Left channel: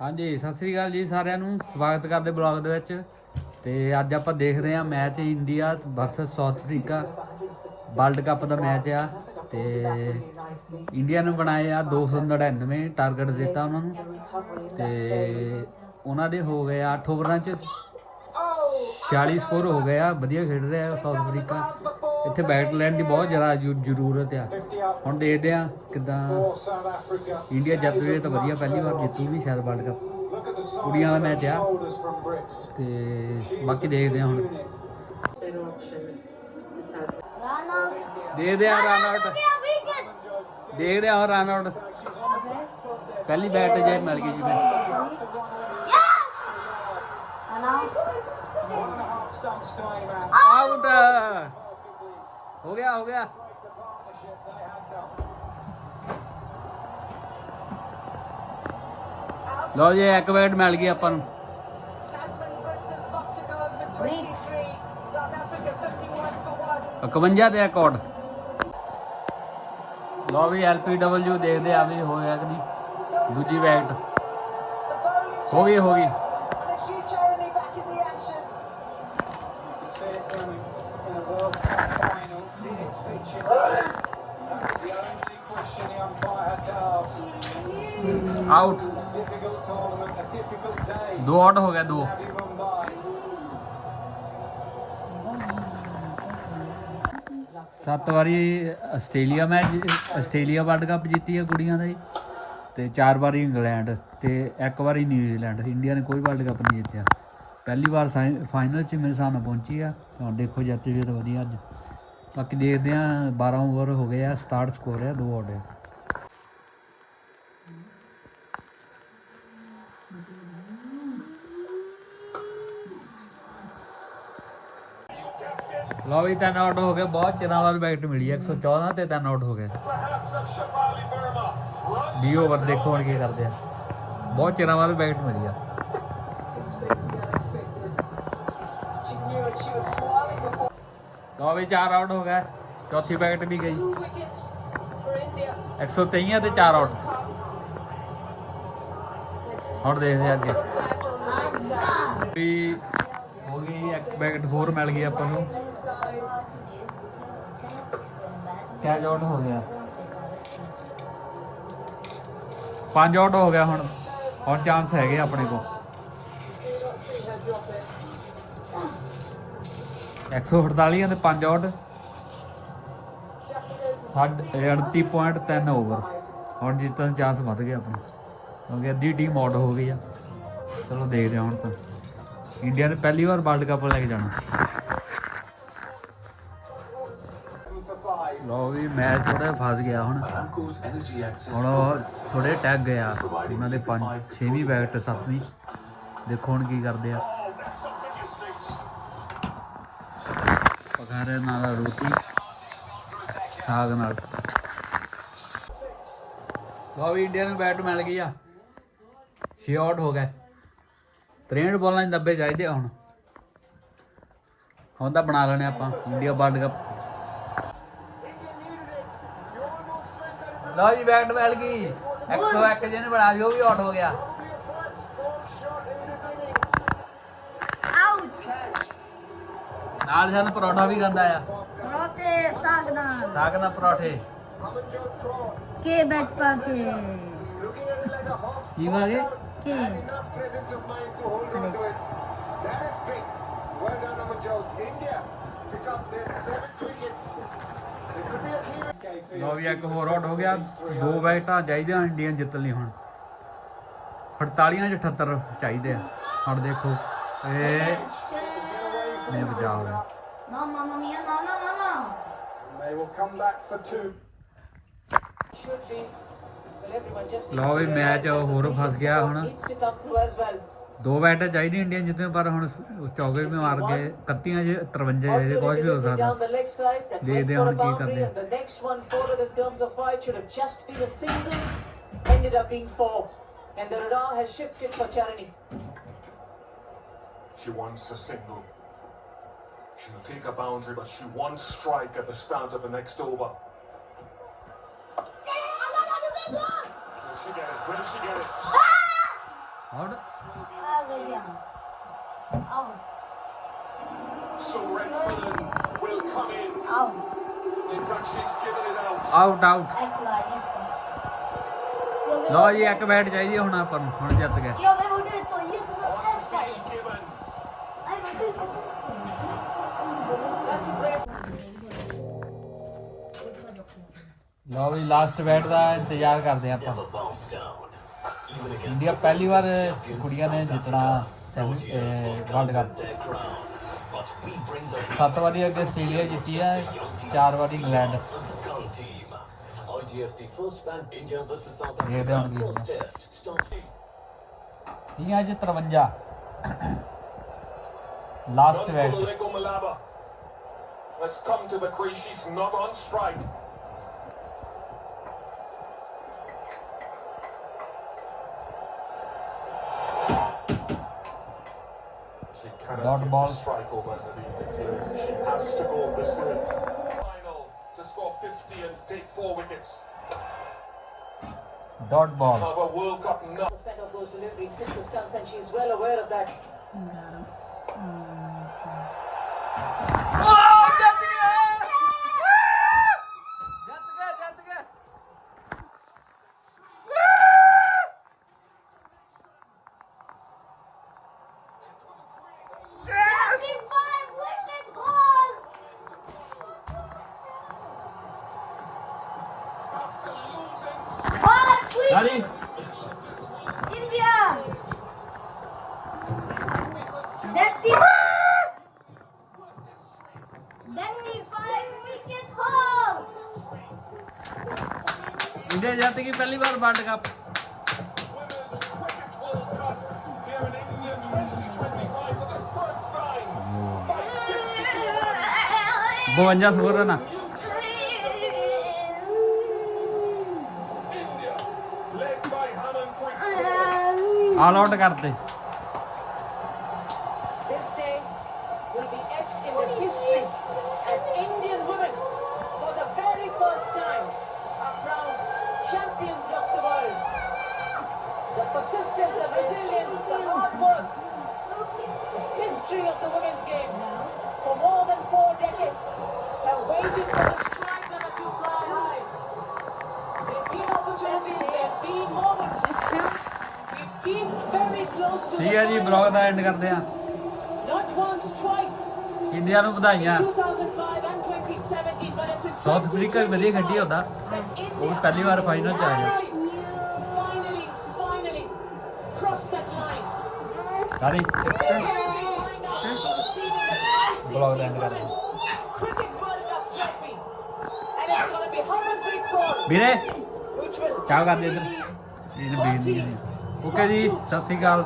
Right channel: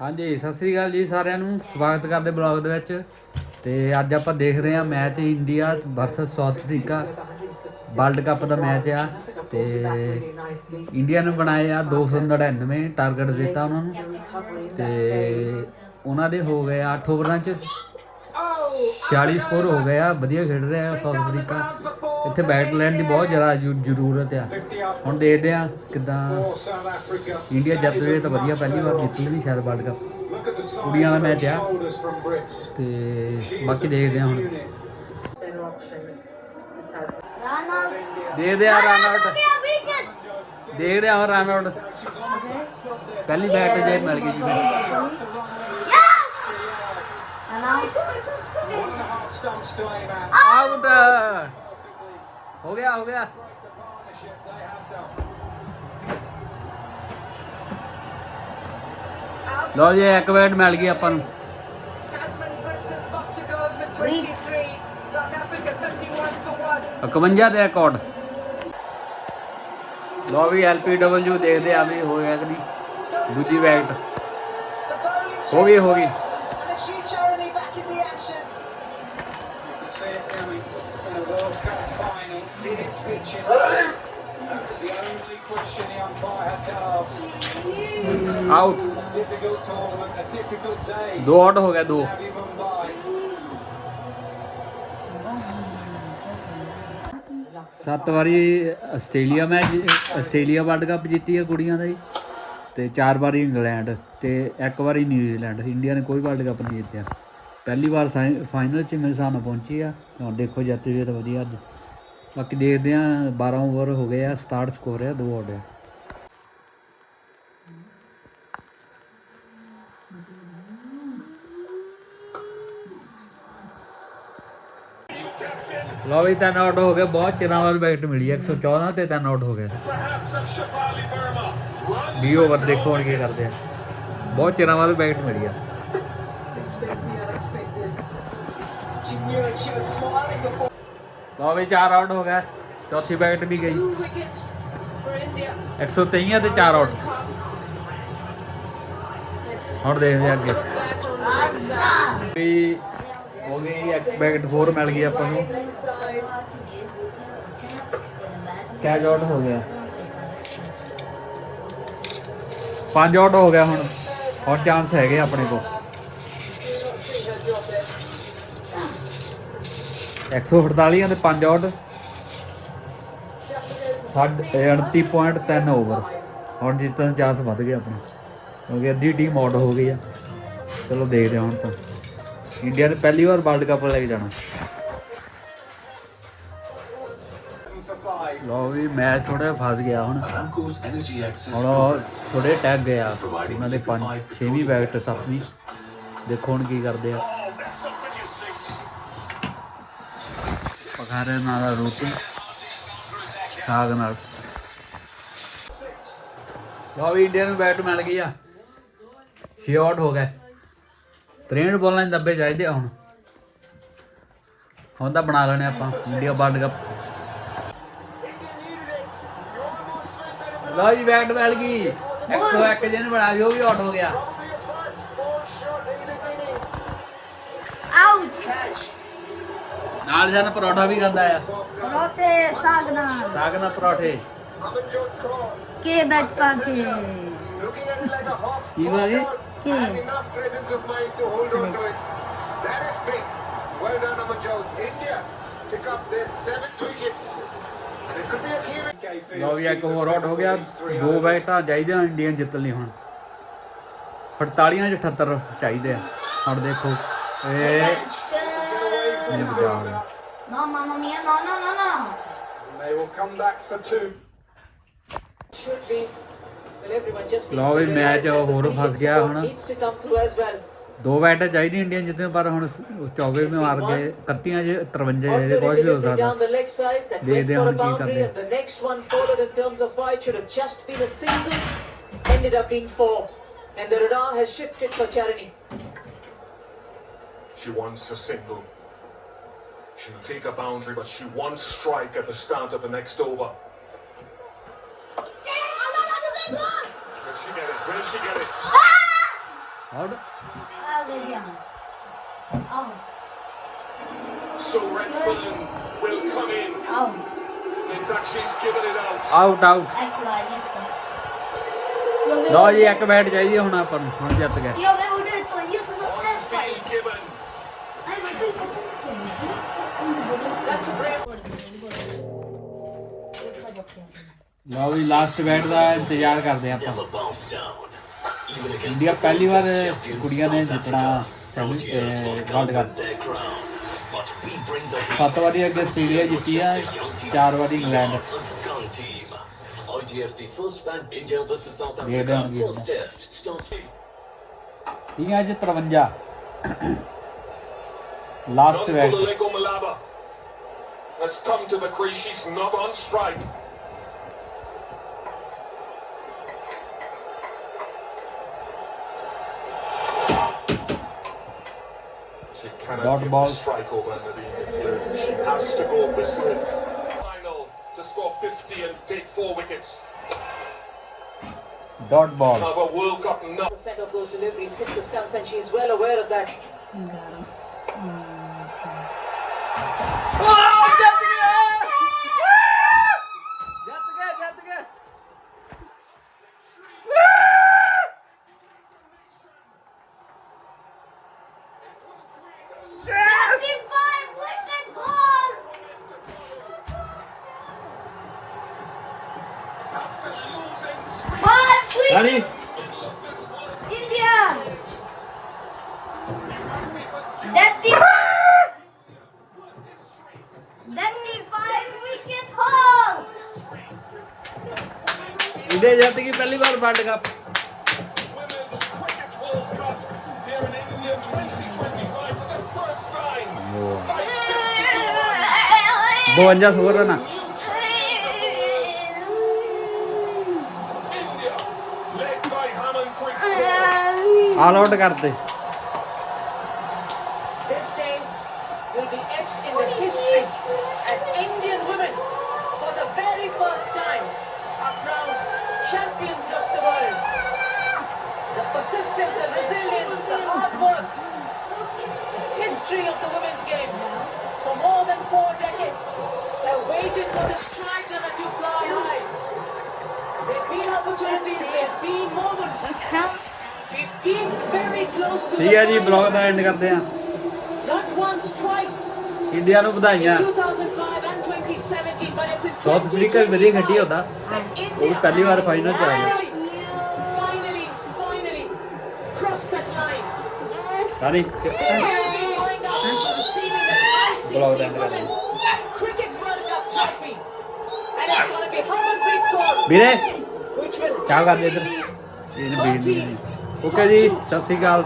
ਹਾਂਜੀ, ਸਤਿ ਸ੍ਰੀ ਅਕਾਲ ਜੀ ਸਾਰਿਆਂ ਨੂੰ। ਸਵਾਗਤ ਕਰਦੇ ਬਲੌਗ ਦੇ ਵਿੱਚ। ਤੇ ਅੱਜ ਆਪਾਂ ਦੇਖ ਰਹੇ ਹਾਂ match India versus South Africa. World cup ਦਾ ਮੈਚ ਆ। ਤੇ ਇੰਡੀਆ ਨੇ ਬਣਾਏ ਆ 299 ਟਾਰਗੇਟ ਦਿੱਤਾ ਉਹਨਾਂ ਨੂੰ। ਤੇ ਉਹਨਾਂ ਦੇ ਹੋ ਗਏ ਆ 8 ਓਵਰਾਂ ਚ 46 ਸਕੋਰ ਹੋ ਗਏ ਆ। ਵਧੀਆ ਖੇਡ ਰਿਹਾ ਸਾਊਥ ਅਫਰੀਕਾ। ਇੱਥੇ ਬੈਟ ਲੈਣ ਦੀ ਬਹੁਤ ਜ਼ਿਆਦਾ ਜ਼ਰੂ- ਜ਼ਰੂਰਤ ਆ। ਹੁਣ ਦੇਖਦੇ ਆ ਕਿਦਾਂ ਇੰਡੀਆ ਜਿੱਤ ਜੇ ਤਾਂ ਵਧੀਆ ਪਹਿਲੀ ਵਾਰ ਜਿੱਤੂ ਵੀ ਸ਼ਾਇਦ ਵਰਲਡ ਕੱਪ ਕੁੜੀਆਂ ਦਾ ਮੈਚ ਆ। ਤੇ ਬਾਕੀ ਦੇਖਦੇ ਆ ਹੁਣ। ਦੇਖਦੇ ਆ ਰਨ ਆਊਟ ਦੇਖਦੇ ਆ ਰਨ ਆਊਟ ਪਹਿਲੀ ਬੈਟ ਜੇ ਮਿਲ ਗਈ ਜੀ। ਆਊਟ ਹੋ ਗਿਆ ਹੋ ਗਿਆ। ਲਓ ਜੀ, ਇੱਕ ਮਿੰਟ ਮਿਲ ਗਈ ਆਪਾਂ ਨੂੰ। 51 ਤੇ ਰਿਕਾਰਡ ਲਓ ਵੀ ਐਲਪੀਡਬਲਯੂ ਦੇਖਦੇ ਆ ਵੀ ਹੋਇਆ ਕਿ ਨਹੀਂ। ਦੂਜੀ ਵੈਕਟ ਹੋ ਗਈ ਹੋ ਗਈ। ਆਊਟ ਦੋ ਆਊਟ ਹੋ ਗਿਆ ਦੋ ਸੱਤ ਵਾਰੀ Australia match Australia world cup ਜਿੱਤੀ ਹੈ ਕੁੜੀਆਂ ਦਾ ਜੀ ਤੇ ਚਾਰ ਵਾਰੀ ਇੰਗਲੈਂਡ ਤੇ ਇੱਕ ਵਾਰੀ ਨਿਊਜ਼ੀਲੈਂਡ ਇੰਡੀਆ ਨੇ ਕੋਈ ਵਰਲਡ ਕੱਪ ਨਹੀਂ ਜਿੱਤਿਆ ਪਹਿਲੀ ਵਾਰ ਫਾਈਨਲ 'ਚ ਮੇਰੇ ਹਿਸਾਬ ਨਾਲ ਪਹੁੰਚੀ ਆ ਹੁਣ ਦੇਖੋ ਜੱਤ ਵੀ ਤਾਂ ਵਧੀਆ ਅੱਜ ਬਾਕੀ ਦੇਖਦੇ ਆ 12 ਓਵਰ ਹੋ ਗਏ ਆ 67 ਸਕੋਰ ਆ, ਦੋ ਆਊਟ ਆ। ਲਓ ਵੀ ਤਿੰਨ ਆਊਟ ਹੋ ਗਿਆ ਬਹੁਤ ਚਿਰਾਂ ਬਾਅਦ ਵਿਕਟ ਮਿਲੀ ਹੈ 114 ਤੇ ਤਿੰਨ ਆਊਟ ਹੋ ਗਏ। 20 ਓਵਰ ਦੇਖੋ ਹੁਣ ਕੀ ਕਰਦੇ ਆ। ਬਹੁਤ ਚਿਰਾਂ ਬਾਅਦ ਵਿਕਟ ਮਿਲੀ ਆ। ਲਓ ਵੀ ਚਾਰ ਆਊਟ ਹੋ ਗਏ ਚੌਥੀ ਵਿਕਟ ਵੀ ਗਈ 123 ਤੇ ਚਾਰ ਆਊਟ ਹੁਣ ਦੇਖਦੇ ਆ ਅੱਗੇ ਵੀ ਹੋ ਗਈ ਇੱਕ ਵਿਕਟ ਹੋਰ ਮਿਲ ਗਈ ਆਪਾਂ ਨੂੰ। ਕੈਚ ਆਊਟ ਹੋ ਗਿਆ। ਪੰਜ ਆਊਟ ਹੋ ਗਿਆ ਹੁਣ। ਹੁਣ ਚਾਂਸ ਹੈਗੇ ਆਪਣੇ ਕੋਲ। 148 ਤੇ 5 ਆਊਟ ਸਾਢੇ 38.3 ਓਵਰ ਹੁਣ ਜਿੱਤਣ ਦੇ ਚਾਂਸ ਵੱਧ ਗਿਆ ਆਪਣਾ, ਕਿਉਂਕਿ ਅੱਧੀ ਟੀਮ ਆਊਟ ਹੋ ਗਈ ਆ। ਚਲੋ ਦੇਖਦੇ ਹਾਂ ਹੁਣ ਤਾਂ। ਇੰਡੀਆ ਨੇ ਪਹਿਲੀ ਵਾਰ ਵਰਲਡ ਕੱਪ ਲੈ ਕੇ ਜਾਣਾ। ਲੋ ਵੀ ਮੈਚ ਥੋੜਾ ਫਸ ਗਿਆ ਹੁਣ। ਹੁਣ ਥੋੜੇ ਟੈਗ ਗਏ ਆ। ਉਹਨਾਂ ਦੇ ਪੰਜ, ਛੇਵੀਂ ਵਿਕਟ ਸੱਤਵੀਂ। ਦੇਖੋ ਹੁਣ ਕੀ ਕਰਦੇ ਆ। ਪਖਾਰੇ ਨਾਲ ਰੋਟੀ। ਸਾਗ ਨਾਲ। ਲੋ ਵੀ ਇੰਡੀਆ ਨੂੰ ਬੈਟ ਮਿਲ ਗਈ ਆ। 6 ਆਊਟ ਹੋ ਗਏ। 63 ਬੋਲਾਂ 'ਚ ਦੱਬੇ ਚਾਹੀਦੇ ਹੁਣ। ਹੁਣ ਤਾਂ ਬਣਾ ਲੈਣੇ ਆਪਾਂ ਇੰਡੀਆ ਵਰਲਡ ਕੱਪ ਲਓ ਜੀ, ਬੈਟ ਮਿਲ ਗਈ। 101 ਜਿਹਨੇ ਬਣਾ ਦਿਓ ਵੀ ਆਊਟ ਹੋ ਗਿਆ। ਨਾਲ ਜਨ ਪਰੌਠਾ ਵੀ ਖਾਂਦਾ ਆ। ਰੋਤੇ ਸਾਗਨਾ ਸਾਗ ਨਾਲ ਪਰੌਠੇ। ਕੇ ਬੈਠ ਪਾ ਕੇ। ਕੀ ਵਾਗੇ ਕੇ ਲਓ ਵੀ ਇੱਕ ਹੋਰ ਆਊਟ ਹੋ ਗਿਆ। ਦੋ ਬੈਟਾਂ ਚਾਹੀਦੀਆਂ ਇੰਡੀਆ ਜਿੱਤਣ ਲਈ ਹੁਣ। 48 ਚ 78 ਚਾਹੀਦੇ ਆ। ਹੁਣ ਦੇਖੋ। ਇਹ ਹੋ ਗਿਆ ਨੋ ਮਾਮਾ ਮੀਆ ਨੋ ਨੋ ਨੋ ਨੋ They will come back for two. ਲਓ ਵੀ ਮੈਚ ਹੋਰ ਫਸ ਗਿਆ ਹੁਣ ਦੋ ਬੈਟ ਚਾਹੀਦੀ ਇੰਡੀਆ ਜਿੱਤਣ ਪਰ ਹੁਣ ਚੌਗੇ ਵੀ ਮਾਰ ਗਏ 31 ਚ 53 ਇਹਦੇ ਕੁਝ ਵੀ ਹੋ ਸਕਦਾ ਦੇਖਦੇ ਹੁਣ ਕੀ ਕਰਦੇ ended up being four. And the radar has shifted for. She wants a single. She'll take a boundary, but she wants strike at the start of the next over. Will she get it? Will she get it? Out Out again. Out. So Redford will come in. Out. In fact, she's given it out. Out. ਲਓ ਜੀ ਇੱਕ bat ਚਾਹੀਦੀ ਹੁਣ ਆਪਾਂ ਨੂੰ ਹੁਣ ਜਿੱਤ ਗਏ ਲਓ ਵੀ ਲਾਸਟ ਇਵੈਂਟ ਦਾ ਇੰਤਜ਼ਾਰ ਕਰਦੇ ਆਪਾਂ। ਇੰਡੀਆ ਪਹਿਲੀ ਵਾਰ ਕੁੜੀਆਂ ਨੇ ਜਿੱਤਣਾ ਵਰਲਡ ਕੱਪ ਸੱਤ ਵਾਰੀ ਅੱਗੇ ਆਸਟ੍ਰੇਲੀਆ ਜਿੱਤੀ ਆ ਚਾਰ ਵਾਰੀ England. IGFC First Bank India versus South Africa. First test 53 Last man. Has come to the crease. She's not on strike. She cannot Dot ball. strike over She has to go this way. Final to score 50 and take four wickets. Dot ball. World Cup. Of those deliveries and she's well aware of that. Mm -hmm. Five wickets, Rani India. Thirty. Thirty-five wicket haul. India ਜਿੱਤ ਗਈ ਪਹਿਲੀ ਵਾਰ world cup Here in India the hard work, the history of the women's game for more than four decades have waited for this ਠੀਕ ਹੈ ਜੀ. Blog the and ਕਰਦੇ ਆ. India ਨੂੰ ਵਧਾਈਆਂ 2005 and 2017, but it's in South Africa ਵੀ ਵਧੀਆ ਖੇਡੀ ਹੁੰਦਾ ਉਹ ਵੀ ਪਹਿਲੀ ਵਾਰ ਫਾਈਨਲ ਚ ਆਇਆ ਵੀਰੇ ਚਾਹ ਕਰ ਦੇ ਇੱਧਰ ਇਹਨੂੰ ਬੀਨ ਨਹੀਂ ਓਕੇ ਜੀ ਸਤਿ ਸ਼੍ਰੀ ਅਕਾਲ